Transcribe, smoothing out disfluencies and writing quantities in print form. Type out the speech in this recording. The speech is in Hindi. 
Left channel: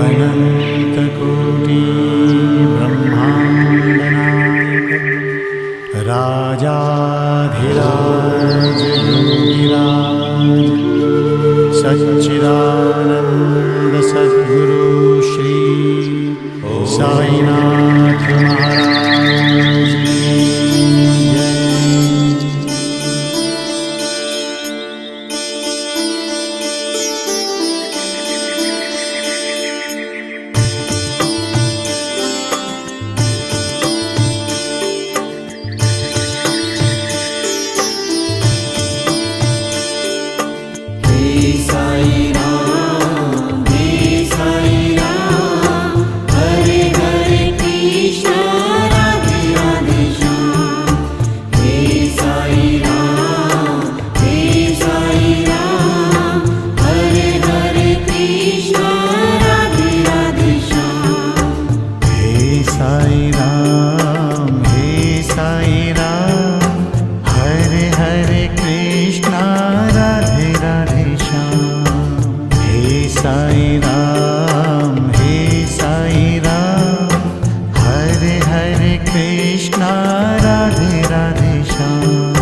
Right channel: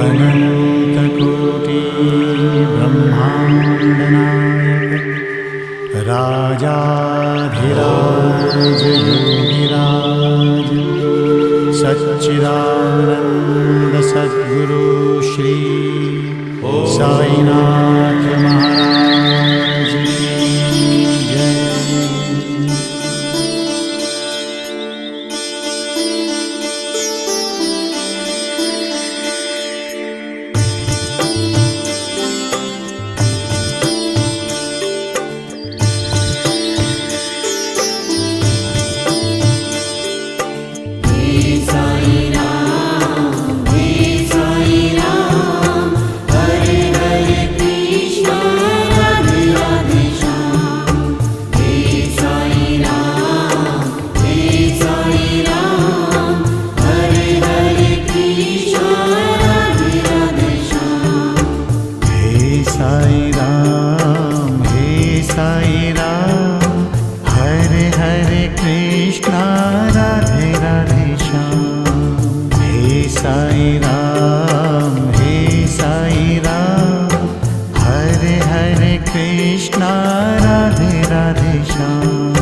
अनन्तकोटि ब्रह्माण्डनायक राजाधिराज योगिराज सच्चिदानंद सद्गुरु श्री साईनाथ महाराज की जय। हे साई राम, हरे हरे कृष्णा राधे राधे श्याम। हे साई राम, हरे हरे कृष्णा राधे राधे श्याम।